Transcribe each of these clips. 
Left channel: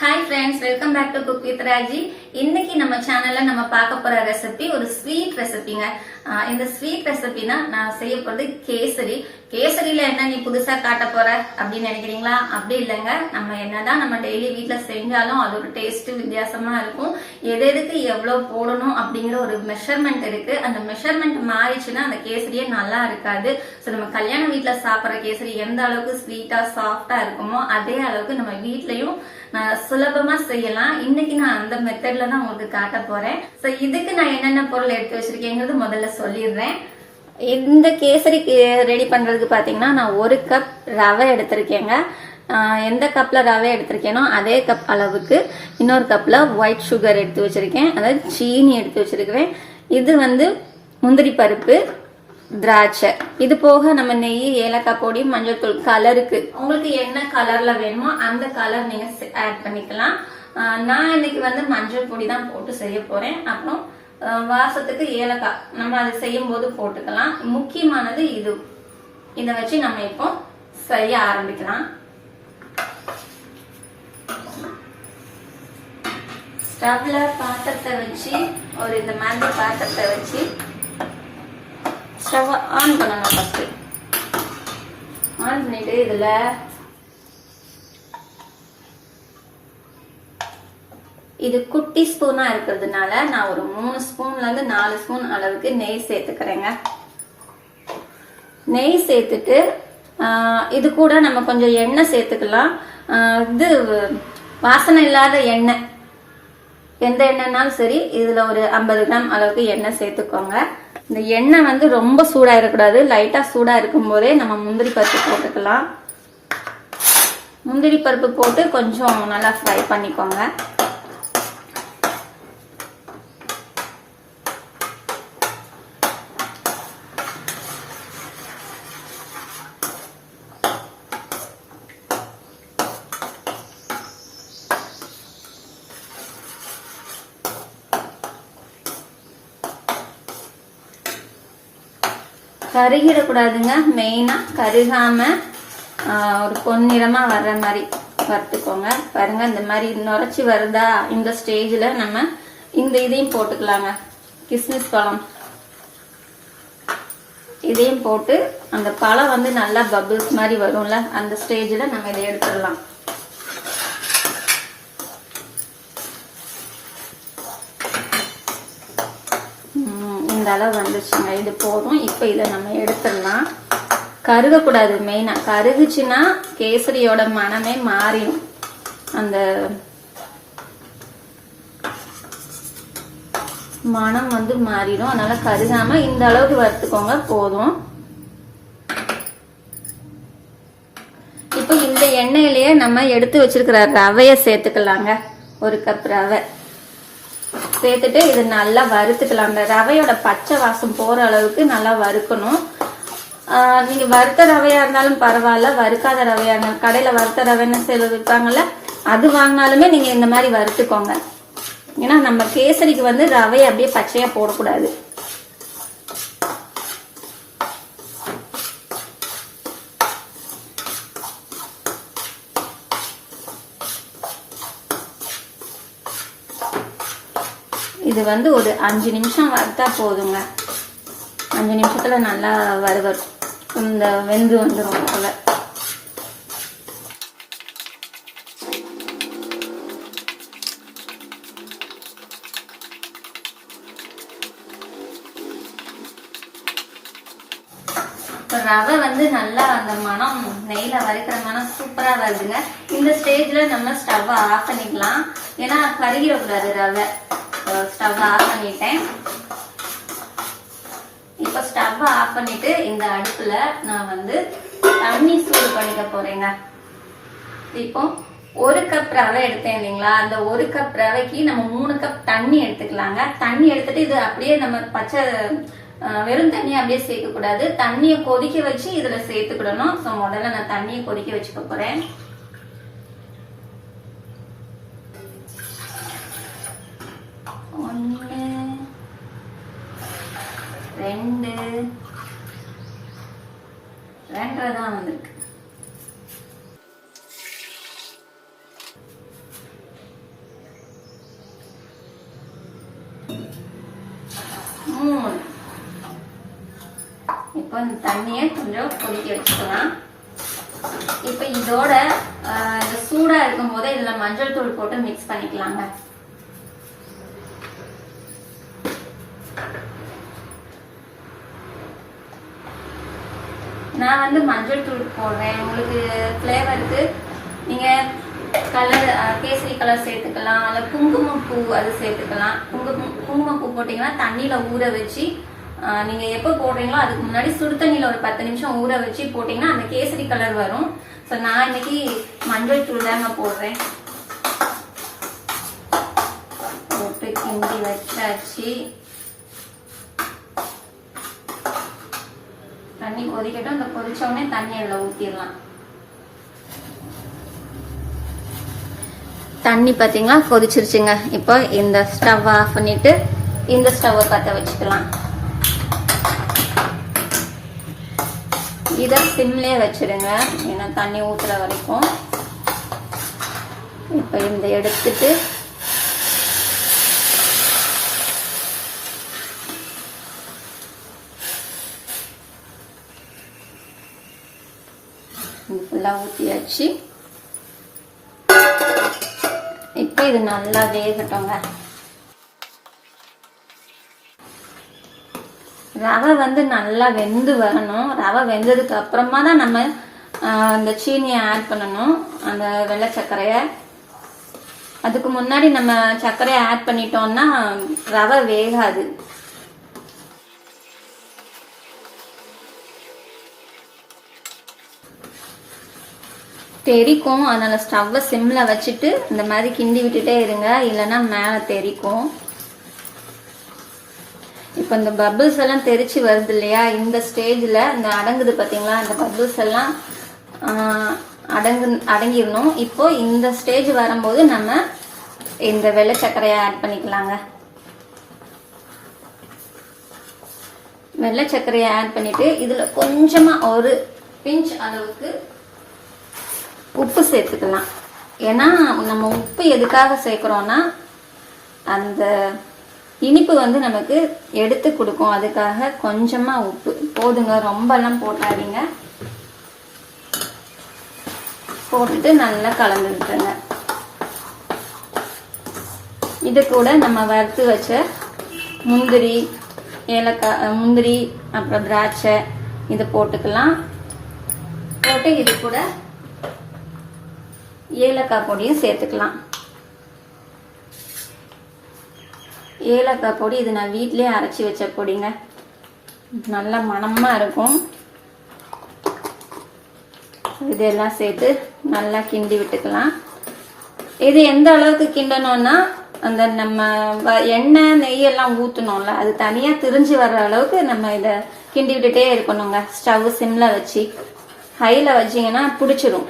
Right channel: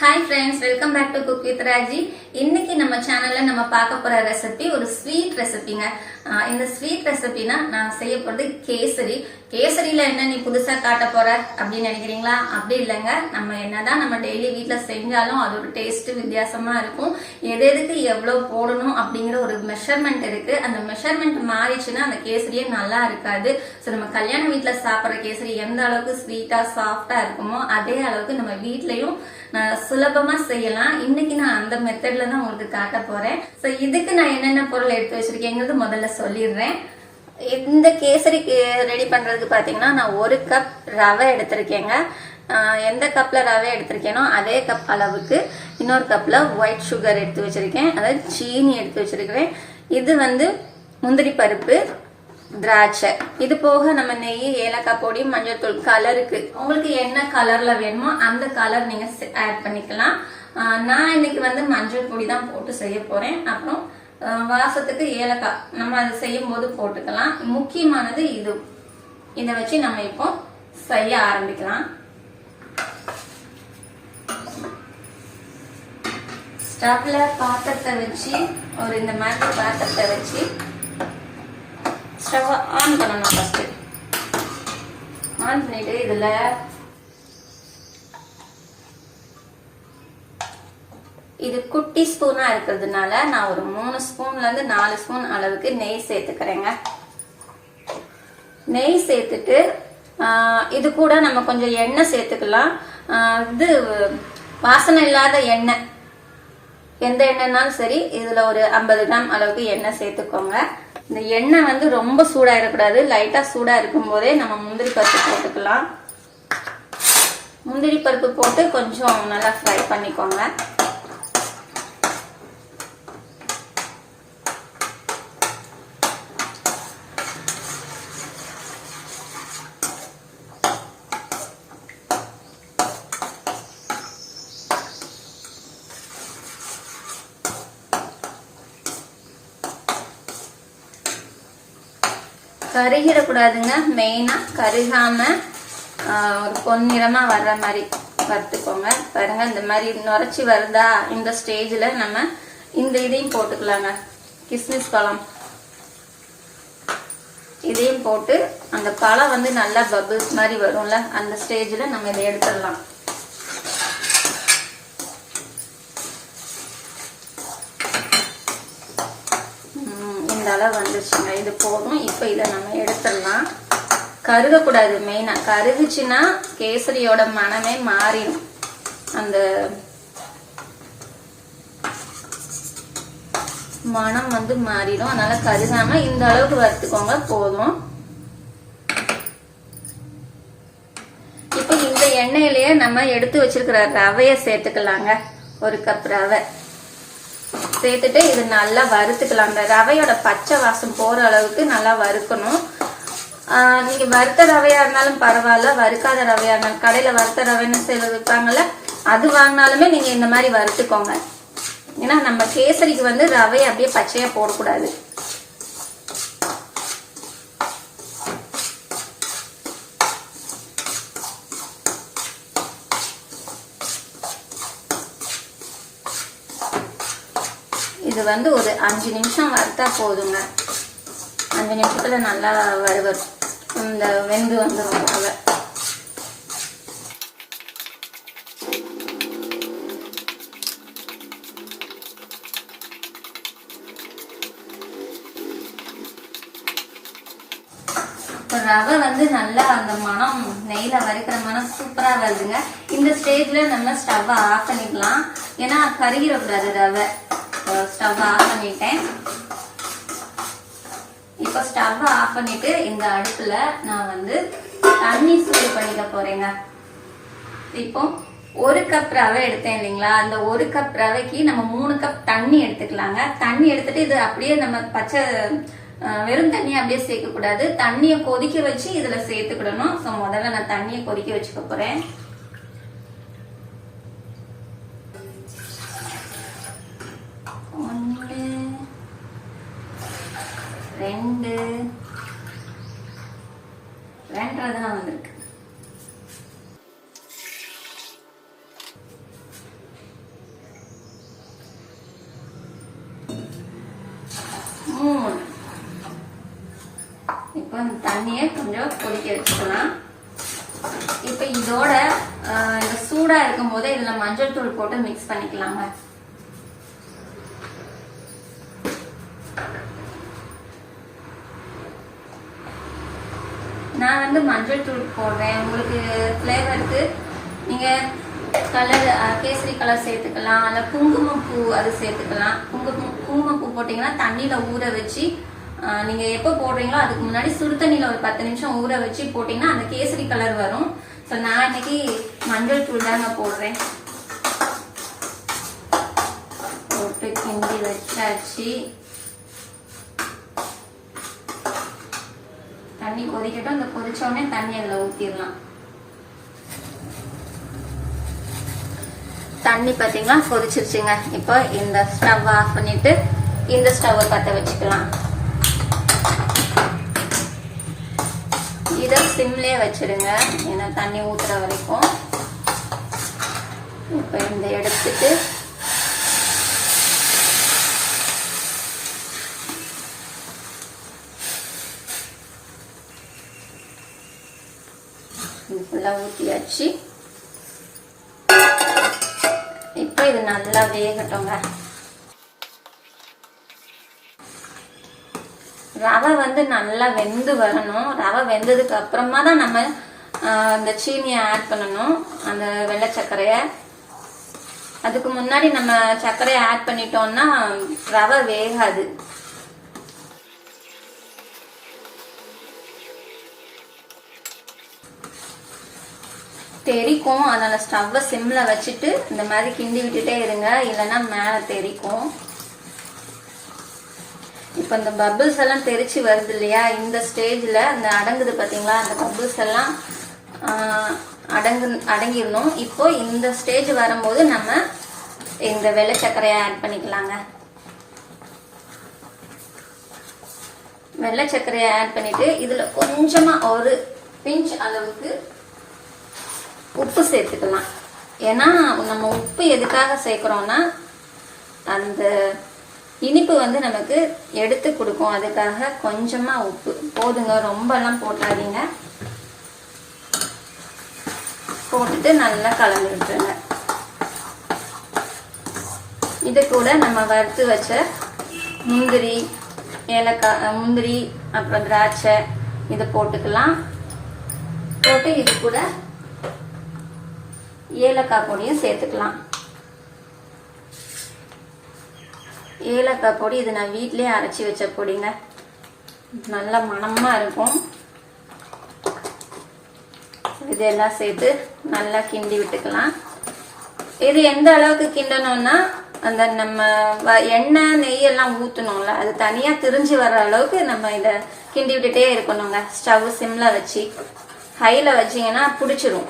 Hi friends, welcome back to Cook with Raji. இன்னைக்கு நம்ம சேனல்ல நம்ம பார்க்க போற ரெசிபி ஒரு ஸ்வீட் ரெசிபிங்க. இந்த ஸ்வீட் ரெசிபினா நான் செய்ய போறது கேசரி. கேசரியில என்ன நீ புதுசா காட்ட போற அப்படின்னு நினைக்கிறீங்களா? அப்படி இல்லைங்க. நம்ம என்னதான் நம்ம டெய்லி வீட்ல செஞ்சாலும் அது ஒரு டேஸ்ட் வித்தியாசமா இருக்கும். எதுக்கு எவ்வளவு போடணும் அப்படிங்கிற ஒரு மெஷர்மெண்ட் இருக்கு. அந்த மெஷர்மெண்ட் மாறிச்சுன்னா அந்த கேசரியே நல்லா இருக்காது. ஸோ நம்ம கல்யாண வீட்டுல சாப்பிட்ற கேசரி எந்த அளவுக்கு ஸ்வீட்டா சாஃப்டா இருக்குமோ அதே அளவுக்கு நம்ம வீட்லயும் சுலபமா செய்யலாம். இன்னைக்கு நான் அந்த மெத்தட்ல தான் உங்களுக்கு காட்ட போறேன். சோ இதுக்கு நான் என்னென்ன பொருள் எடுத்து வச்சிருக்கேங்கிறது முதல்ல சொல்லிடுறேன். இந்த கேசரி ரெடி பண்றதுக்கு பாத்தீங்கன்னா நான் 1 கப் ரவை எடுத்திருக்கேங்க. எந்த கப்ல ரவை எடுத்திருக்கேனோ அதே கப் அளவுக்கு இன்னொரு கப்ல ஒயிட் சுகர் எடுத்து வச்சிருக்கேன், அதாவது சீனி எடுத்து வச்சிருக்கிறேன். இது முந்திரி பருப்பு, திராட்சை, இது போக நம்ம நெய், ஏலக்காய் பொடி, மஞ்சள் தூள், கலருக்கு உங்களுக்கு என்ன கலர்ல வேணுமோ அந்த கலர் நீங்க ஆட் பண்ணிக்கலாம். நான் இன்னைக்கு மஞ்சள் பொடி தான் போட்டு செய்ய போறேன். அப்புறம் வாசத்துக்கு ஏலக்காய் நம்ம அதை செய்யும் போது போட்டுக்கலாம். முக்கியமானது இது. இதை வச்சு நம்ம இப்போ செய்ய ஆரம்பிக்கலாம். ஸ்டவ்ல பாத்திரத்தை வச்சு இந்த மாதிரி பாத்திரத்தை வச்சு ஸ்டவ் ஆன் பண்ணணும். ஃபர்ஸ்ட் ஆன் பண்ணிட்டு இதுல இது குட்டி ஸ்பூனா இருக்கிறதுனால நான் ஒரு 3 ஸ்பூன்ல இருந்து 4 ஸ்பூன் அளவுக்கு நெய் சேர்த்துக்கிறேங்க. நெய் சேர்த்துட்டு இது கூட நம்ம கொஞ்சம் எண்ணெய் சேர்த்துக்கலாம். இது வாசனை இல்லாத எண்ணெய், எந்த எண்ணெய்னாலும் சரி. இதுல ஒரு 50 கிராம் அளவுக்கு எண்ணெய் சேர்த்துக்கோங்க. இந்த எண்ணெய் ரொம்ப சூடா இருக்கக்கூடாது. லைட்டா சூடா இருக்கும் போதே நம்ம முந்திரி பருப்பு போட்டுக்கலாம். முந்திரி பருப்பு போட்டு கொஞ்சம் நல்லா ஃப்ரை பண்ணிக்கோங்க. கருகிடக்கூடாதுங்க. மெயினா கருகாம ஒரு பொன்னிறமா வர்ற மாதிரி வறுத்துக்கோங்க. பாருங்க, இந்த மாதிரி நுரைச்சி வருதா, இந்த ஸ்டேஜ்ல நம்ம இந்த இதையும் போட்டுக்கலாங்க. கிஸ்மிஸ் பழம் இதையும் போட்டு அந்த பழம் நல்லா பபிள்ஸ் மாதிரி வரும்ல, அந்த ஸ்டேஜ்ல நம்ம இதை எடுத்துடலாம். அளவு வந்துருச்சுங்க. இது போதும். இப்ப இதை நம்ம எடுத்துடலாம். கருகக்கூடாது. மெயினா கருகுச்சுன்னா கேசரியோட மனமே மாறிடும். அந்த மனம் மாறிடும். அதனால கருகாம இந்த அளவுக்கு வறுத்துக்கோங்க. போதும். இப்ப இந்த எண்ணெயிலேயே நம்ம எடுத்து வச்சிருக்கிற ரவைய சேர்த்துக்கலாங்க. 1 கப் ரவை சேர்த்துட்டு இது நல்லா வறுத்துக்கலாம். அந்த ரவையோட பச்சை வாசம் போற அளவுக்கு நல்லா வறுக்கணும். நீங்க வறுத்த ரவையா இருந்தாலும் பரவாயில்ல, வறுக்காத ரவையா இருந்தாலும், கடையில வறுத்த ரவைன்னு சில விற்பாங்கல்ல, அது வாங்கினாலுமே நீங்க இந்த மாதிரி வறுத்துக்கோங்க. ஏன்னா நம்ம கேசரிக்கு ரவையை அப்படியே பச்சையா போடக்கூடாது. இது ஒரு 5 நிமிஷம் வறுத்தா போதுங்க. 5 நிமிஷத்துல நல்லா வறுவரும். இந்த வெந்து வந்துடும் போல. ரவை நல்லா அந்த மனம், நெய்ல வறுக்கிற மனம் சூப்பரா வருதுங்க. இந்த ஸ்டேஜ்ல நம்ம ஸ்டவ் ஆஃப் பண்ணிக்கலாம். ஏன்னா கருகிடக்கூடாது ரவை. ஸ்டவ் ஆஃப் பண்ணிட்டேன். இப்ப ஸ்டவ் ஆஃப் பண்ணிட்டு இந்த அடுப்புல நான் தண்ணி சூடு பண்ணிக்க போறேங்க. இப்போ 1 கப் ரவை எடுத்தேன் இல்லைங்களா, அந்த 1 கப் ரவைக்கு நம்ம 3 கப் தண்ணி எடுத்துக்கலாங்க. தண்ணி எடுத்துட்டு இது அப்படியே நம்ம பச்சை வெறும் தண்ணி அப்படியே சேர்க்க கூடாது. தண்ணியை கொதிக்க வச்சு இதுல சேர்த்துக்கிடணும். ஸோ முதல்ல நான் தண்ணியை கொதிக்க வச்சுக்க போறேன். 1 2 2 தான் வந்திருக்கு. 3. இப்போ இந்த தண்ணியை கொஞ்சம் கொதிக்க வச்சுக்கலாம். இப்போ இதோட இந்த சூடா இருக்கும் போதே இதுல மஞ்சள் தூள் போட்டு மிக்ஸ் பண்ணிக்கலாங்க. நான் வந்து மஞ்சள் தூள் போடுறேன். உங்களுக்கு ஃப்ளேவருக்கு நீங்க கலர் கேசரி கலர் சேர்த்துக்கலாம், அல்ல குங்குமப்பூ அது சேர்த்துக்கலாம். குங்குமப்பூ போட்டீங்கன்னா தண்ணியில ஊற வச்சு நீங்க எப்ப போடுறீங்களோ அதுக்கு முன்னாடி சுடு தண்ணியில ஒரு 10 நிமிஷம் ஊற வச்சு போட்டீங்கன்னா அந்த கேசரி கலர் வரும். ஸோ நான் இன்னைக்கு மஞ்சள் தூள் தாங்க போடுறேன். போட்டு கிண்டி வச்சாச்சு. தண்ணி கொதிக்கட்டும். இந்த கொதிச்ச உடனே தண்ணி அதில் ஊற்றிடலாம். தண்ணி பார்த்தீங்கன்னா கொதிச்சிருச்சுங்க. இப்போ இந்த ஸ்டவ் ஆஃப் பண்ணிட்டு இந்த ஸ்டவ்வை பற்ற வச்சுக்கலாம். இதை சிம்லே வச்சிருங்க, ஏன்னா தண்ணி ஊத்துற வரைக்கும். இப்போ இந்த எடுத்துட்டு ஃபுல்லாக ஊற்றியாச்சு. இப்போ இது நல்லா வேகட்டுங்க. ரவை வந்து நல்லா வெந்து வரணும். ரவை வெந்ததுக்கு அப்புறமா தான் நம்ம இந்த சீனியை ஆட் பண்ணணும், அந்த வெள்ளை சர்க்கரையை. அதுக்கு முன்னாடி நம்ம சர்க்கரையை ஆட் பண்ணிட்டோம்னா ரவை வேகாது. தெரிக்கும், அதனால ஸ்டவ்வை சிம்ல வச்சுட்டு இந்த மாதிரி கிண்டி விட்டுட்டே இருங்க, இல்லைன்னா மேல தெரிக்கும். இப்ப இந்த பபிள்ஸ் எல்லாம் தெரிச்சு வருது இல்லையா, இந்த ஸ்டேஜ்ல இந்த அடங்குது பாத்தீங்களா, அந்த பபிள்ஸ் எல்லாம் அடங்கிடணும். இப்போ இந்த ஸ்டேஜ் வரும்போது நம்ம இந்த வெள்ளை சர்க்கரையை ஆட் பண்ணிக்கலாங்க. வெள்ளை சர்க்கரையை ஆட் பண்ணிட்டு இதுல கொஞ்சமா ஒரு பிஞ்ச் அளவுக்கு உப்பு சேர்த்துக்கலாம். ஏன்னா நம்ம உப்பு எதுக்காக சேர்க்கிறோம்னா அந்த இனிப்பு வந்து நமக்கு எடுத்து கொடுக்கும். அதுக்காக கொஞ்சமா உப்பு போதுங்க, ரொம்ப எல்லாம் போட்டாதீங்க. போட்டுட்டு நல்லா கலந்து விட்டுருங்க. இது கூட நம்ம வறுத்து வச்ச முந்திரி, ஏலக்காய், முந்திரி அப்புறம் திராட்சை இது போட்டுக்கலாம். போட்டு இது கூட ஏலக்காய் பொடியும் சேர்த்துக்கலாம். ஏலக்காய் பொடி இது நான் வீட்டிலேயே அரைச்சி வச்ச பொடிங்க, நல்ல மணமா இருக்கும். இதெல்லாம் சேர்த்து நல்லா கிண்டி விட்டுக்கலாம். இது எந்த அளவுக்கு கிண்டணும்னா அந்த நம்ம எண்ணெய் நெய் எல்லாம் ஊத்தணும்ல, அது தனியா திரிஞ்சு வர்ற அளவுக்கு நம்ம இத கிண்டி விட்டுட்டே இருக்கணுங்க. ஸ்டவ் சிம்ல வச்சு, ஹைல வச்சீங்கன்னா பிடிச்சிரும்.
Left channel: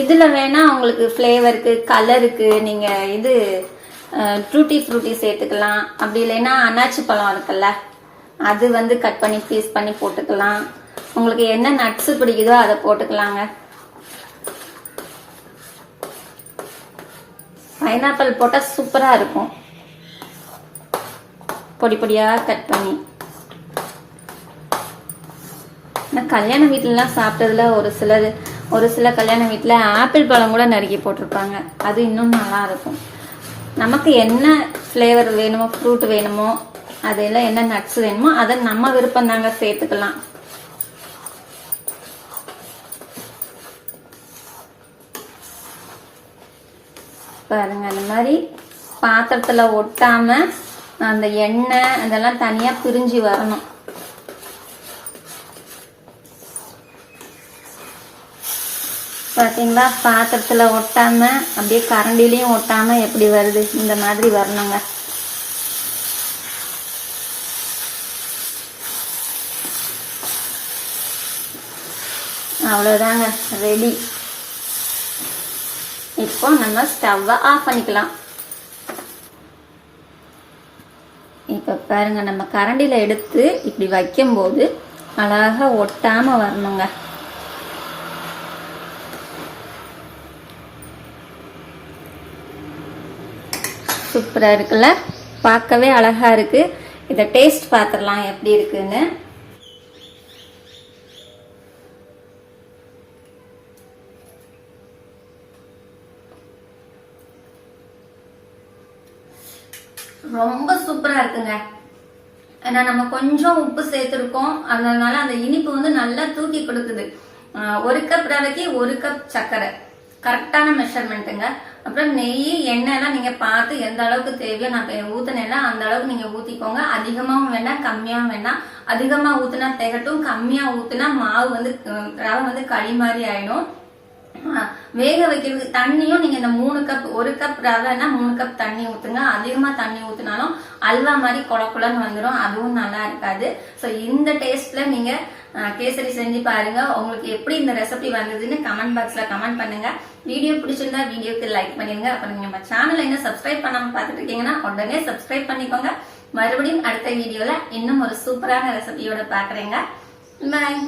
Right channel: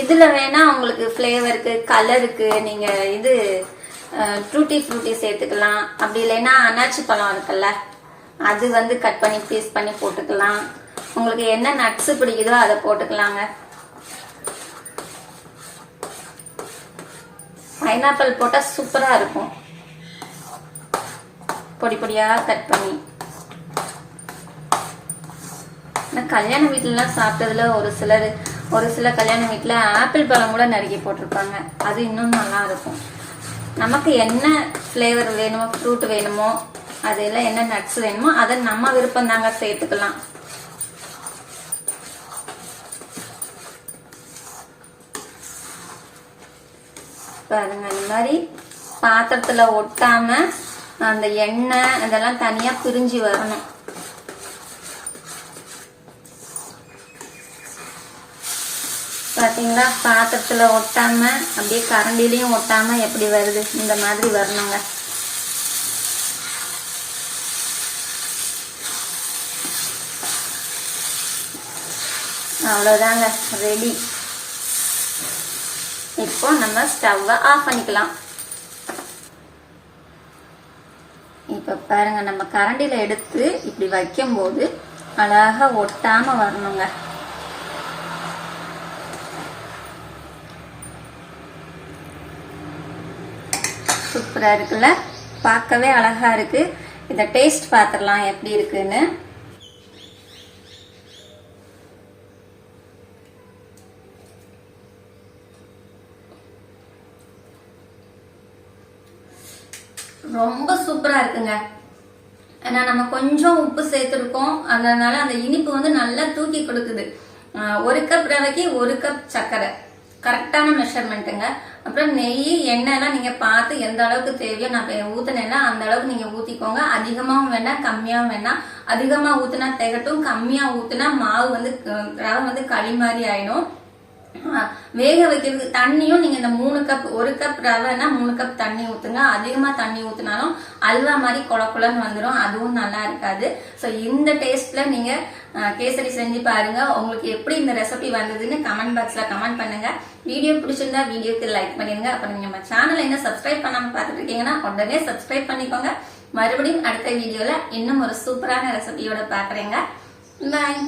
இதுல வேணா உங்களுக்கு ஃபிளேவருக்கு கலருக்கு நீங்க இது டூட்டி ஃப்ரூட்டி சேர்த்துக்கலாம். அப்படி இல்லைன்னா அன்னாச்சி பழம் இருக்குல்ல, அது வந்து கட் பண்ணி பீஸ் பண்ணி போட்டுக்கலாம். உங்களுக்கு என்ன நட்ஸ் பிடிக்குதோ அதை போட்டுக்கலாங்க. பைனாப்பிள் போட்டா சூப்பரா இருக்கும், பொடி பொடியா கட் பண்ணி. கல்யாண வீட்டுல எல்லாம் சாப்பிட்டதுல ஒரு சில கல்யாண வீட்டுல ஆப்பிள் பழம் கூட நறுக்கி போட்டிருப்பாங்க, அது இன்னும் நல்லா இருக்கும். நமக்கு என்ன ஃபிளேவர் வேணுமோ, ஃப்ரூட் வேணுமோ, அதெல்லாம் என்ன நட்ஸ் வேணுமோ அதை நம்ம விருப்பம் தாங்க சேர்த்துக்கலாம். பாருங்க, அந்த மாதிரி பாத்திரத்துல ஒட்டாம அந்த எண்ணெய் அதெல்லாம் தனியா பிரிஞ்சு வரணும். பாத்தீங்களா, பாத்திரத்துல ஒட்டாம அப்படியே கரண்டிலையும் ஒட்டாம எப்படி வருது, இந்த மாதிரி வரணுங்க. அவ்வளவுதாங்க, ரெடி. இப்போ நம்ம ஸ்டவ் ஆஃப் பண்ணிக்கலாம். இப்ப பாருங்க, நம்ம கரண்டில எடுத்து இப்படி வைக்கும் போது அழகா ஒட்டாம வரணுங்க. சூப்பரா இருக்குல்ல, பார்க்கவே அழகா இருக்கு. இத டேஸ்ட் பார்த்துடலாம் எப்படி இருக்குன்னு. ரொம்ப சூப்பரா இருக்குங்க. ஏன்னா நம்ம கொஞ்சம் உப்பு சேர்த்திருக்கோம், அதனால அந்த இனிப்பு வந்து நல்லா தூக்கி கொடுக்குது. 1 கப் ரவைக்கு 1 கப் சர்க்கரை, கரெக்டான மெஷர்மெண்ட்டுங்க. அப்புறம் நெய், எண்ணெய்லாம் நீங்க பார்த்து எந்த அளவுக்கு தேவையோ, நான் ஊத்துனேன்னா அந்த அளவுக்கு நீங்க ஊத்திக்கோங்க. அதிகமாவும் வேண்டாம், கம்மியாவும் வேண்டாம். அதிகமா ஊத்துனா திகட்டும், கம்மியா ஊத்துனா மாவு வந்து ரவை வந்து களி மாதிரி ஆயிடும். வேக வைக்கிறதுக்கு தண்ணியும் நீங்க இந்த 3 கப், 1 கப் ரவைன்னா 3 கப் தண்ணி ஊத்துங்க. அதிகமா தண்ணி ஊத்துனாலும் அல்வா மாதிரி கொலன்னு வந்துடும், அதுவும் நல்லா இருக்காது. சோ இந்த டேஸ்ட்ல நீங்க கேசரி செஞ்சு பாருங்க. உங்களுக்கு எப்படி இந்த ரெசிபி வந்ததுன்னு கமெண்ட் பாக்ஸ்ல கமெண்ட் பண்ணுங்க. வீடியோ பிடிச்சிருந்தா வீடியோக்கு லைக் பண்ணிருங்க. அப்புறம் நீங்க நம்ம சேனல் என்ன சப்ஸ்கிரைப் பண்ணாம பாத்துட்டு இருக்கீங்கன்னா உடனே சப்ஸ்கிரைப் பண்ணிக்கோங்க. மறுபடியும் அடுத்த வீடியோல இன்னும் ஒரு சூப்பரான ரெசிபியோட பாக்குறேங்க. பாய்.